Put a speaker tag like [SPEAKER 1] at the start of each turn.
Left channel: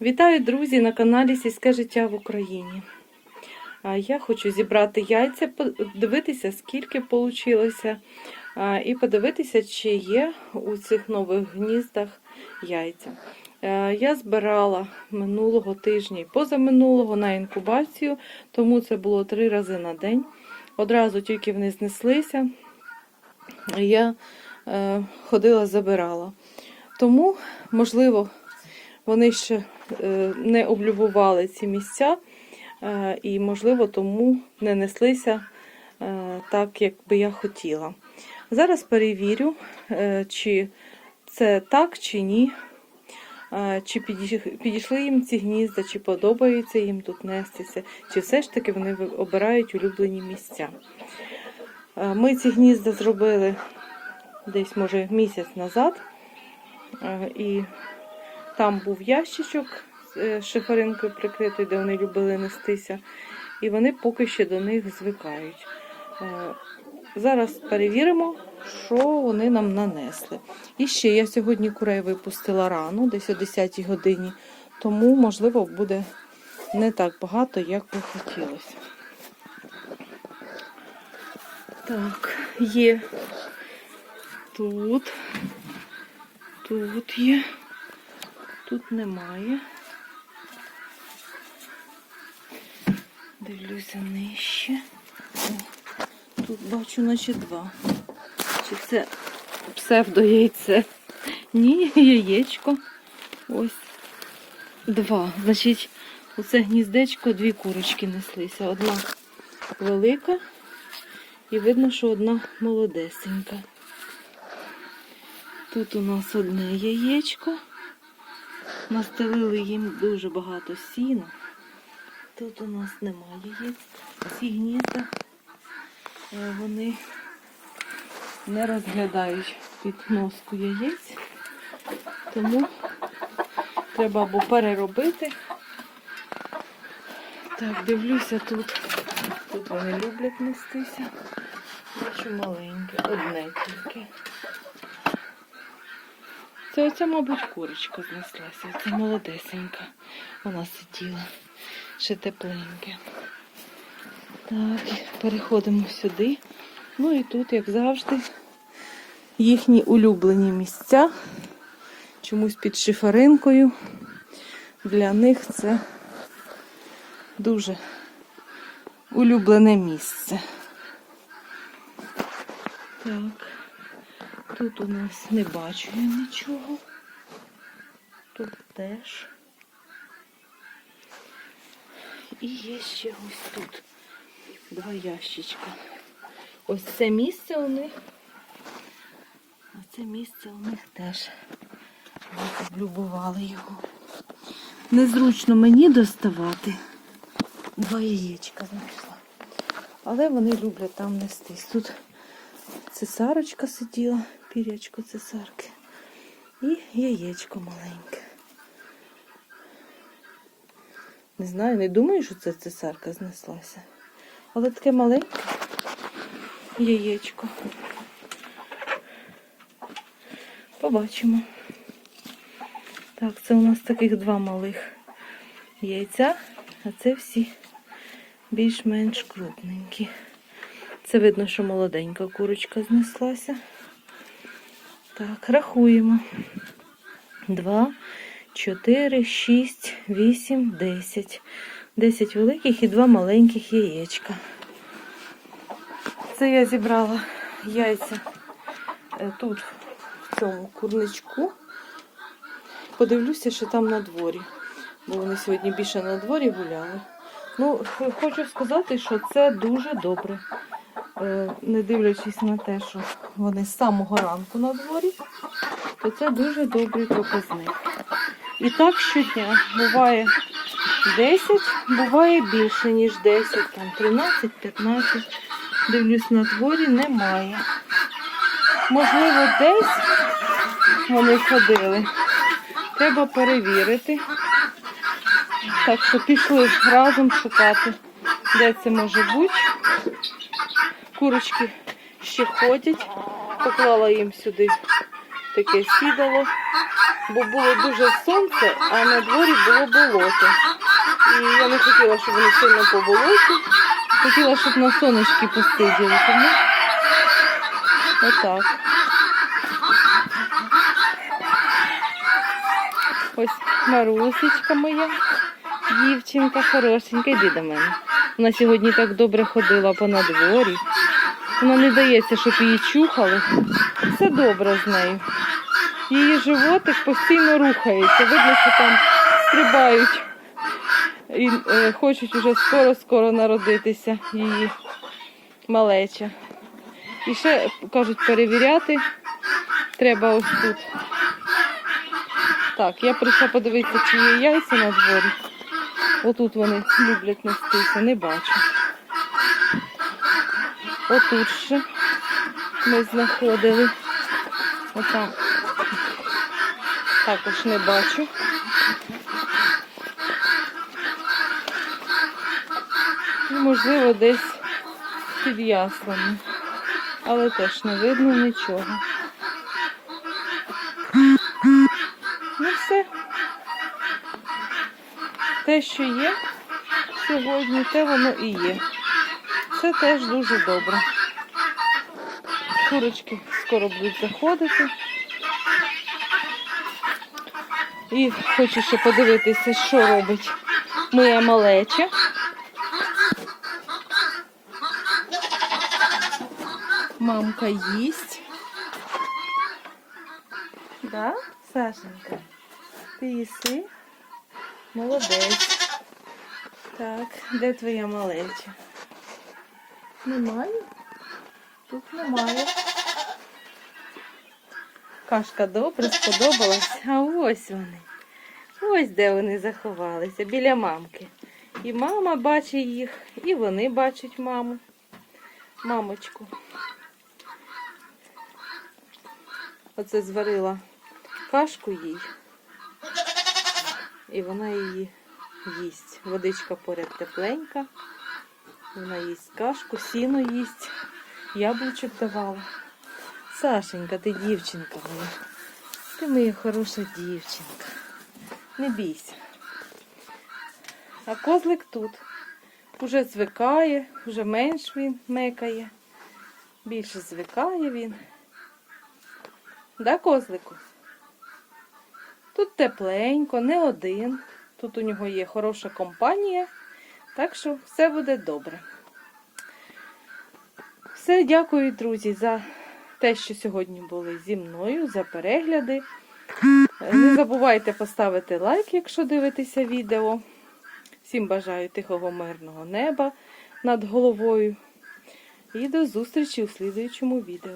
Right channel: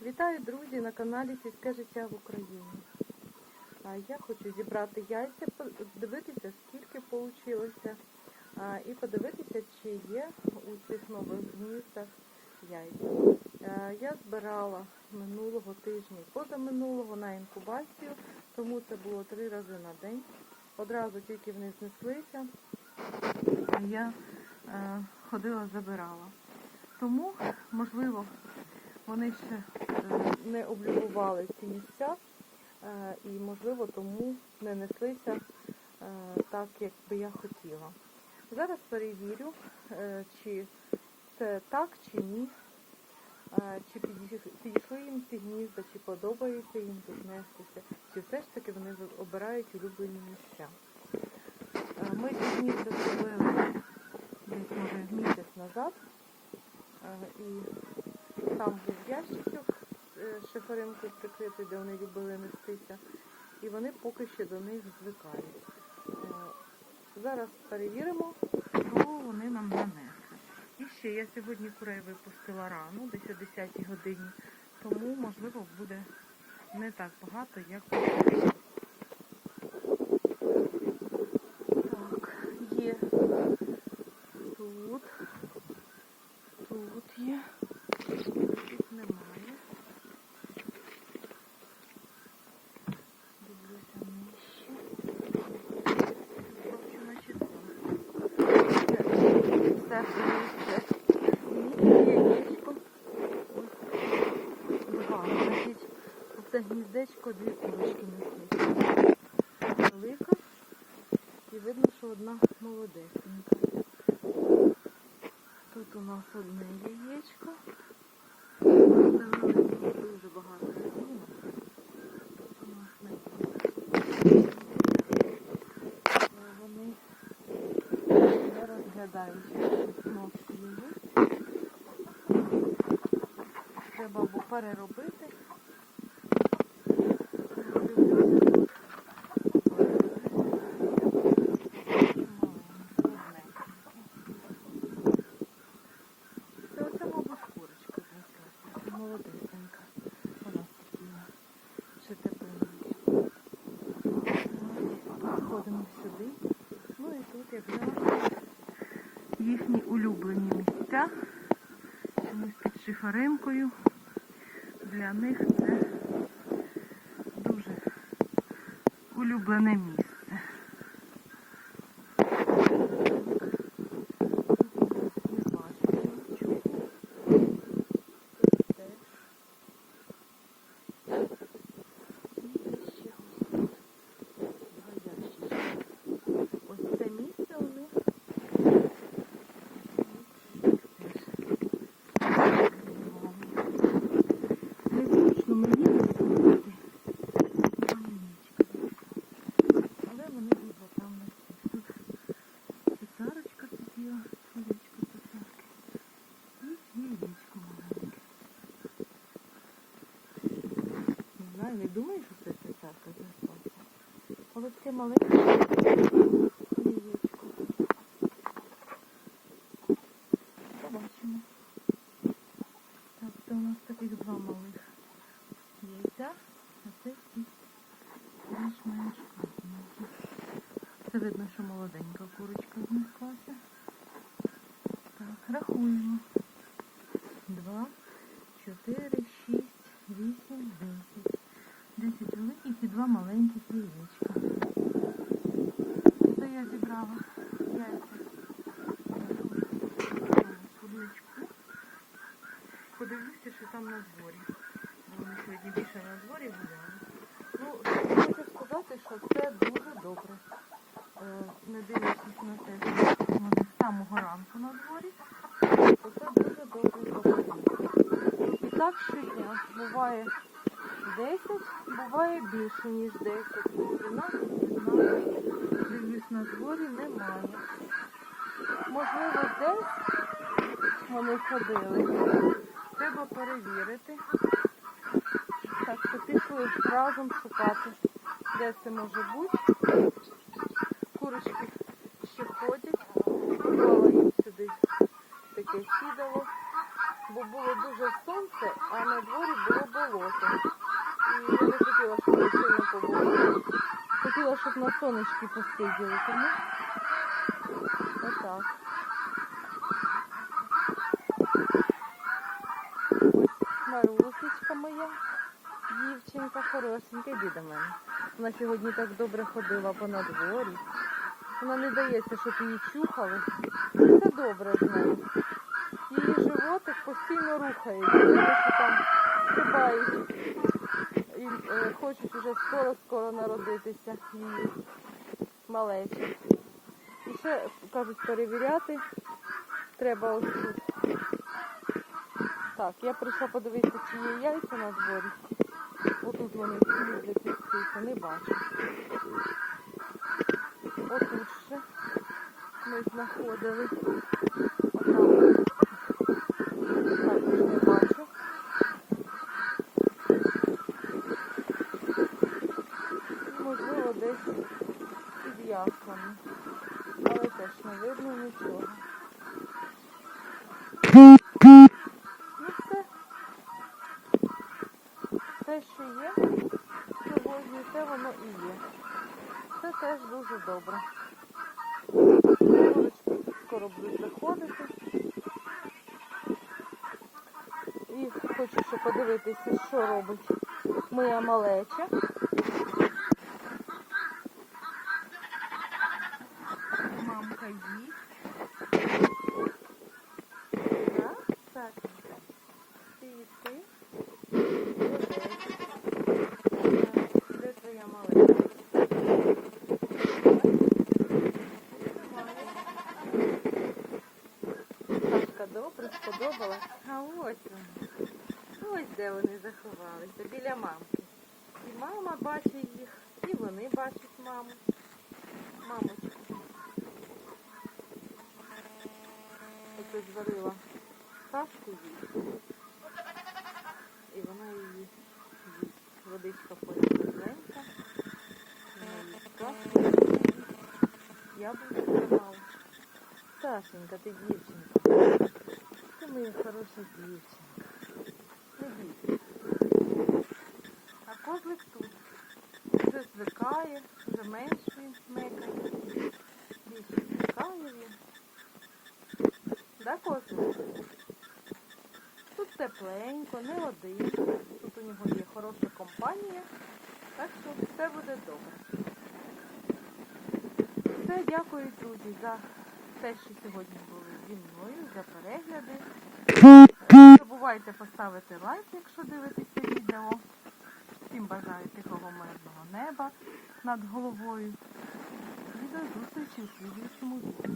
[SPEAKER 1] Вітаю, друзі, на каналі Сільське життя в Україні. Я хочу зібрати яйця, подивитися, скільки вийшло, і подивитися, чи є у цих нових гніздах яйця. Я збирала минулого тижня і позаминулого на інкубацію, тому це було три рази на день. Одразу тільки вони знеслися, я е, ходила, забирала. Тому, можливо, вони ще не облюбували ці місця, е, і, можливо, тому не неслися е, так, як би я хотіла. Зараз перевірю, е, чи це так, чи ні. Е, Чи підійшли їм ці гнізда, чи подобається їм тут нестися, чи все ж таки вони обирають улюблені місця. Е, Ми ці гнізда зробили десь, може, місяць назад. Е, І там був ящичок е, шиферинкою прикритий, де вони любили нестися. І вони поки що до них звикають. Е, Зараз перевіримо, що вони нам нанесли. І ще я сьогодні курей випустила рано, десь о 10 годині, тому, можливо, буде не так багато, як би хотілося. Так, є тут, тут є, тут немає. Дивлюся нижче. Тут бачу, наче два. Чи це псевдояйце? Ні, яєчко. Ось два. Значить, оце гніздечко дві курочки неслися. Одна велика і видно, що одна молодесенька. Тут у нас одне яєчко. Настелили їм дуже багато сіна. Тут у нас немає гнізда е, вони не розглядають підноску яєць, тому треба або переробити. Так, дивлюся тут. Тут вони люблять нестися. Що маленьке, одне тільки. Це оця, мабуть, курочка знеслася. Це молодесенька. Вона сиділа. Ще тепленьке. Так, переходимо сюди. Ну і тут, як завжди, їхні улюблені місця. Чомусь під шиферинкою. Для них це дуже улюблене місце. Так, тут у нас не бачу я нічого. Тут теж. І є ще ось тут два ящичка. Ось це місце у них. А це місце у них теж любували його. Незручно мені доставати. Два яєчка знайшла. Але вони люблять там нестись. Тут цесарочка сиділа, пірячко цесарки. І яєчко маленьке. Не знаю, не думаю, що це цесарка знеслася. Але таке маленьке яєчко. Побачимо. Так, це у нас таких два малих яйця, а це всі більш-менш крупненькі. Це видно, що молоденька курочка знеслася. Так, рахуємо. Два, чотири, шість, вісім, десять. Десять великих і два маленьких яєчка. Це я зібрала яйця е, тут, в цьому курничку. Подивлюся, що там на дворі. Бо вони сьогодні більше на дворі гуляли. Ну, хочу сказати, що це дуже добре. Е, Не дивлячись на те, що вони з самого ранку на дворі, то це дуже добрий показник. І так щодня буває 10, буває більше, ніж 10, там 13-15. Дивлюсь на дворі, немає. Можливо, десь вони ходили. Треба перевірити. Так що пішли разом шукати, де це може бути. Курочки ще ходять. Поклала їм сюди таке сідало. бо було дуже сонце, а на дворі було болото. І я не хотіла, щоб вони сильно поболоті. Хотіла, щоб на сонечки посиділи. Тому отак. Ось Марусечка моя, дівчинка хорошенька, йди до мене. Вона сьогодні так добре ходила по надворі. Вона не дається, щоб її чухали. Все добре з нею. Її животик постійно рухається. Що там стрибають і е, хочуть уже скоро-скоро народитися її малеча. І ще кажуть перевіряти. Треба ось тут. Так, я прийшла подивитися, чи є яйця на дворі. Отут вони люблять нестися, не бачу. Отут ще ми знаходили. Отам. Також не бачу. І, можливо, десь під яслами. Але теж не видно нічого. Ну все. Те, що є сьогодні, те воно і є. Це теж дуже добре. Курочки скоро будуть заходити. І хочу ще подивитися, що робить моя малеча. Мамка їсть. Так, Сашенька? Ти їси? Молодець. Так, де твоя малеча? Немає? Тут немає. Кашка добре сподобалась. А ось вони. Ось де вони заховалися, біля мамки. І мама бачить їх, і вони бачать маму. Мамочку. Оце зварила кашку їй. І вона її їсть. Водичка поряд тепленька. Вона їсть кашку, сіно їсть. Яблучок давала. Сашенька, ти дівчинка. Ти моя хороша дівчинка. Не бійся. А козлик тут. Уже звикає, вже менш він мекає. Більше звикає він. Да, козлик? Тут тепленько, не один. Тут у нього є хороша компанія, так що все буде добре. Все, дякую, друзі, за те, що сьогодні були зі мною, за перегляди. Не забувайте поставити лайк, якщо дивитеся відео. Всім бажаю тихого мирного неба над головою. І до зустрічі у слідуючому відео.